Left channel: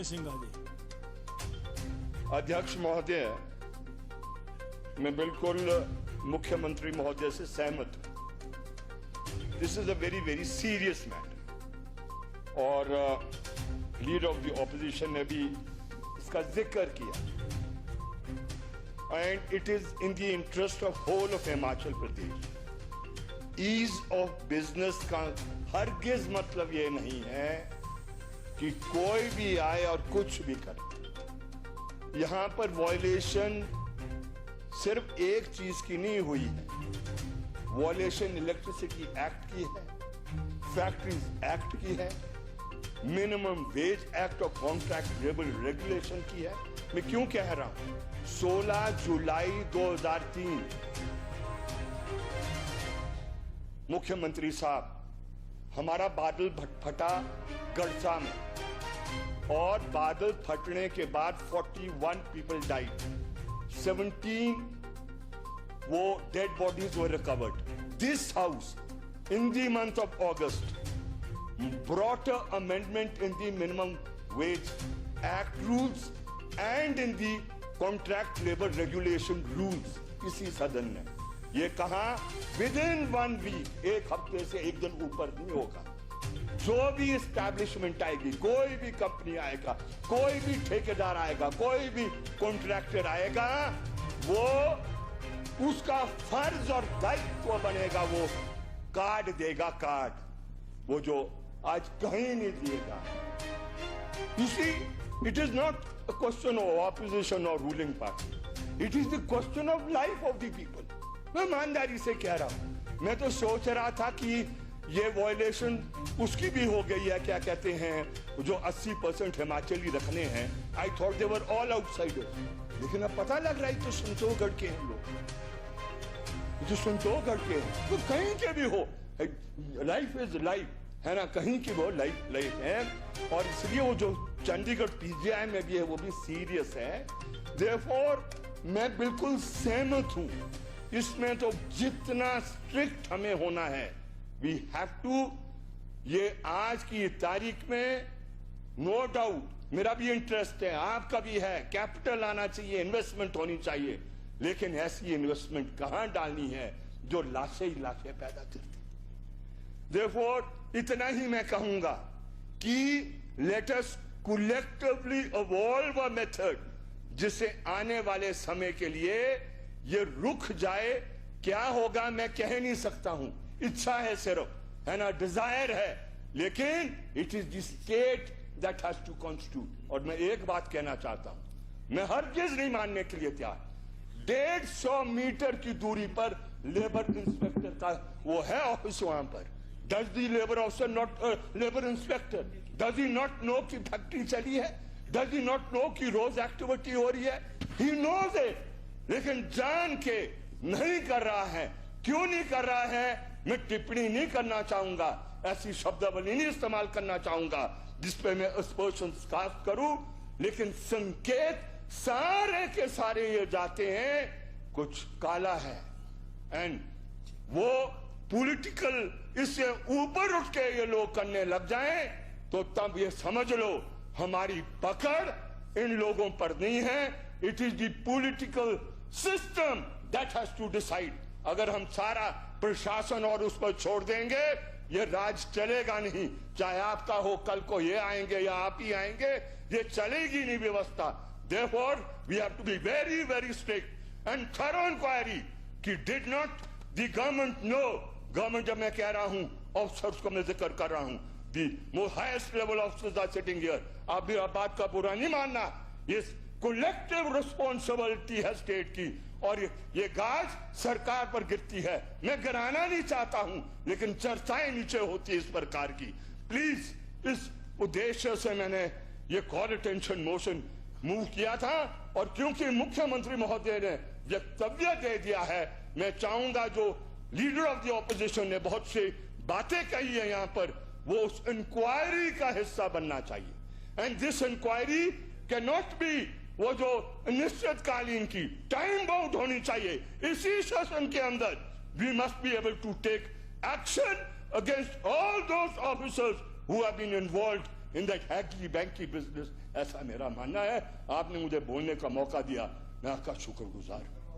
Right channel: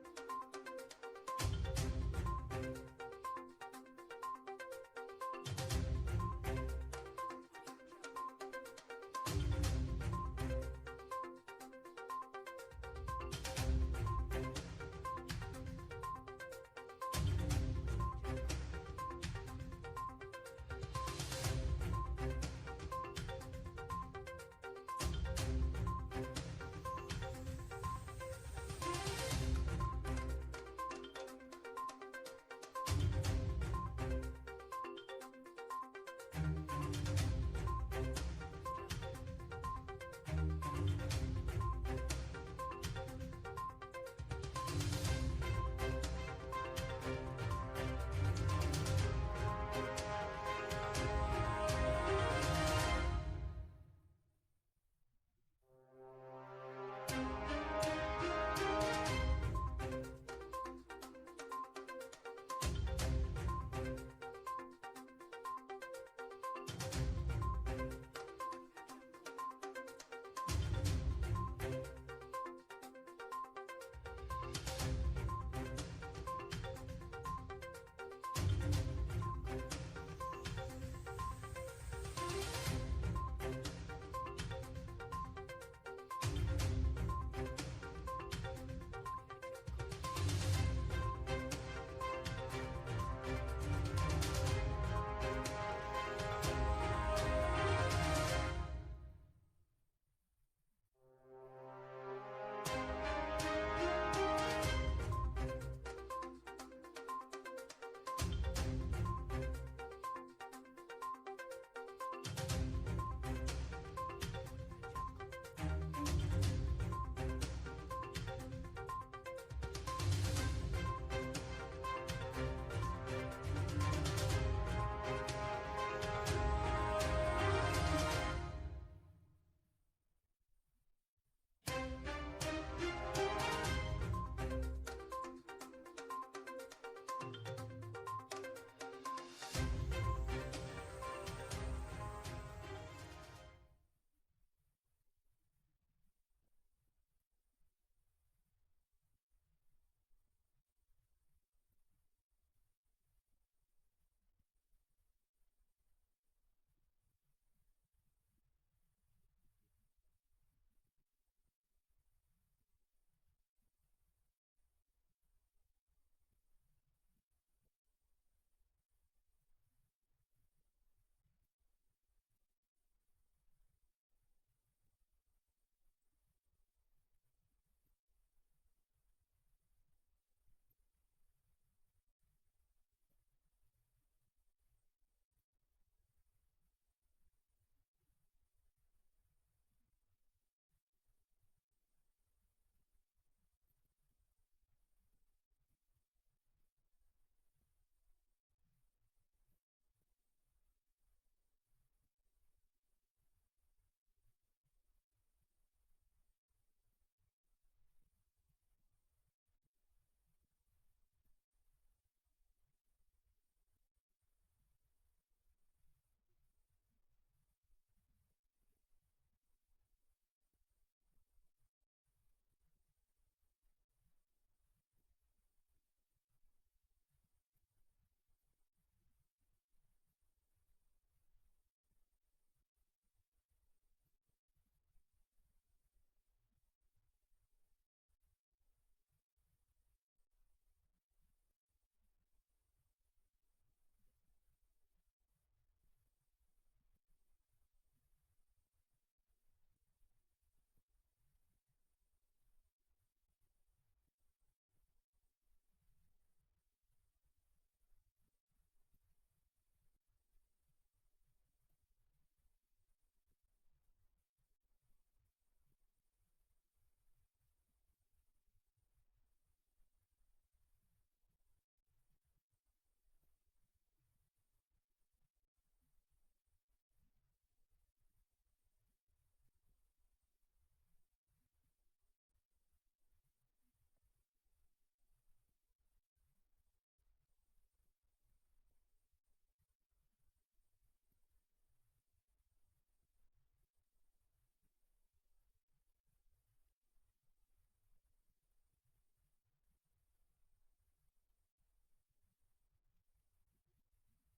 के सिंघा जी। अध्यक्ष महोदय, मैं बिल्कुल मुख्यमंत्री महोदय से सहमत हूं। This is a very very serious matter और लीडर ऑफ द ऑपोजिशन ने भी इसका जिक्र किया and it is in the interest of whole of Himachal Pradesh. Ease of business का हरगिज मतलब ये नहीं है कि कोई भी आए और कुछ भी करे। यहां पर वॉयलेशन सिर्फ एक चीज की नहीं हुई है, वॉयलेशन इलेक्ट्रिसिटी एक्ट की है, फैक्ट्रीज एक्ट की है, मिनिमम वेज एक्ट और कॉन्ट्रैक्ट लेबर रेगुलेशन की है। मैं क्यों कह रहा हूं? 16 जुलाई 2003 मुख्यमंत्री साहब, हमारा बादल फटा गलसा में और बादल फटने के बाद 41 पीपल डाइड, 17 वो dead bodies were recovered. This house in the month of August brought an amendment in the minimum wage act rules and in the contract labor regulation rules। इसी सदन ने ये कहा within 1 week, एक हफ्ते से एक दिन ऊपर नहीं होगा, जो भी एस्टैब्लिशमेंट आएगी, कोई भी कंपनी आएगा, कोई भी ठेकेदार आएगा, कोई भी कॉन्ट्रैक्टर आएगा, वो उसका फर्ज और दायित्व बनेगा, वो कार्ड देगा, कार्ड वो जो आज कहीं नहीं दिएगा। You see, it is not a question of opposition or ruling party. It is the question of life of the people. मैं ईमानदारी से कह रहा हूं। मैं तो सोच रहा था कि ये वॉयलेशन उसकी भी हो गई है, क्या कहते हैं, जो 80% हिमाचली रखने हैं। I thought they were all outsiders. लेकिन अब पता लग रहा है कि संतोषगढ़ के हैं लोग, जो संतोषगढ़ के तो कहीं के भी हो, लाइफ इज लाइफ है ना, कहीं की वो लाइफ लाइफ है। और इसलिए वो जो चंडीगढ़ पीजीआई में भी है वो भी सीरियस है। Therefore, मैं बिल्कुल सहमत हूं, इसमें तो जितना स्ट्रिक्ट हमें होना है, वी हैव टू। ये आज की तारीख में नो डाउट मेरा भी इंटरेस्ट है, आपका भी है, कैपिटल आना चाहिए, इन्वेस्टमेंट होनी चाहिए, लेकिन ऐसी इन्वेस्टमेंट कहां डालनी है जो लाशें ही लाशें पैदा करती। Therefore, इतना ही मैं कहूंगा कि let us collectively evolve a method जिसे आने वाले समय के लिए ये रुक जाए। क्या होगा मैं कह नहीं सकता हूं, इच्छा है सिर्फ, है ना, डिजायर है, लेकिन it is the state that has to constitute. और मैं एक बात कहना चाहता हूं, मैं हरगिज नहीं मानने के लिए तैयार, 150 मीटर की दूरी पर लेबर इंस्पेक्टर का वो है ऑफिस, वहां पर does the labour officer not labour inspector, does he not know कि फैक्ट्री चली है, डज ही नॉट नो कि रोज एक्टिविटी हो रही है, ही नोज इट, लेकिन जान के नहीं कर रहा है। क्यों नहीं कर रहा है मैं टिप्पणी नहीं करना चाहूंगा, ऐसी शब्दावली नहीं इस्तेमाल करना चाहूंगा जिसपे मैं अस्पर्शन कास्ट करूं, लेकिन संकेत सारे के सारे ये जाते हैं कुछ काला है। एंड वो पॉलिटिकल इससे ऊपर उठ के ये लोग करने लग जाएं तो तब ये समझ लो हमारी पकड़ इन लोगों पर नहीं है। It is the political system that has to decide. अगर हम सारा प्रशासन और उस पर छोड़ देंगे ये राज चलेगा नहीं, चाहे आपका हो, कल को ये आएंगे या आप ही आएंगे, ये चलेगी नहीं व्यवस्था। Therefore, we have to be very, very strict and thorough inquiry कि did not the government know, government जब मैं कह रहा हूं ऑफिसर्स को मैं जिक्र कर रहा हूं, the most highest level officers are sitting here, आप भी बात का बुरा नहीं मानना, ये collective responsibility है स्टेट की, और ये गाज सरकार पर गिरती है। मैं गिराना नहीं चाहता हूं, लेकिन चर्चाएं नीचे होती है इस प्रकार की। प्लीज, इस उद्देश्य से मैंने ये कॉल अटेंशन मोशन मूव किया था, और क्योंकि मुख्यमंत्री महोदय ने वक्तव्य दे दिया है, मैं चाहूंगा जो लीडर ऑफ द ऑपोजिशन ने बहुत सी बातें कही है यहां पर, वो उस इंक्वायरी का हिस्सा बनना चाहिए। And this inquiry can not be वो जो निश्चितकालीन की, टाइम बाउंड होनी चाहिए। इसी सेशन के अंदर we must be able to take action against all those officers who have been involved in that Haggerty Banky business ऐसा मेरा मानना है। आपने मुझे बोलने का मौका दिया, मैं आपका शुक्रगुजार हूं।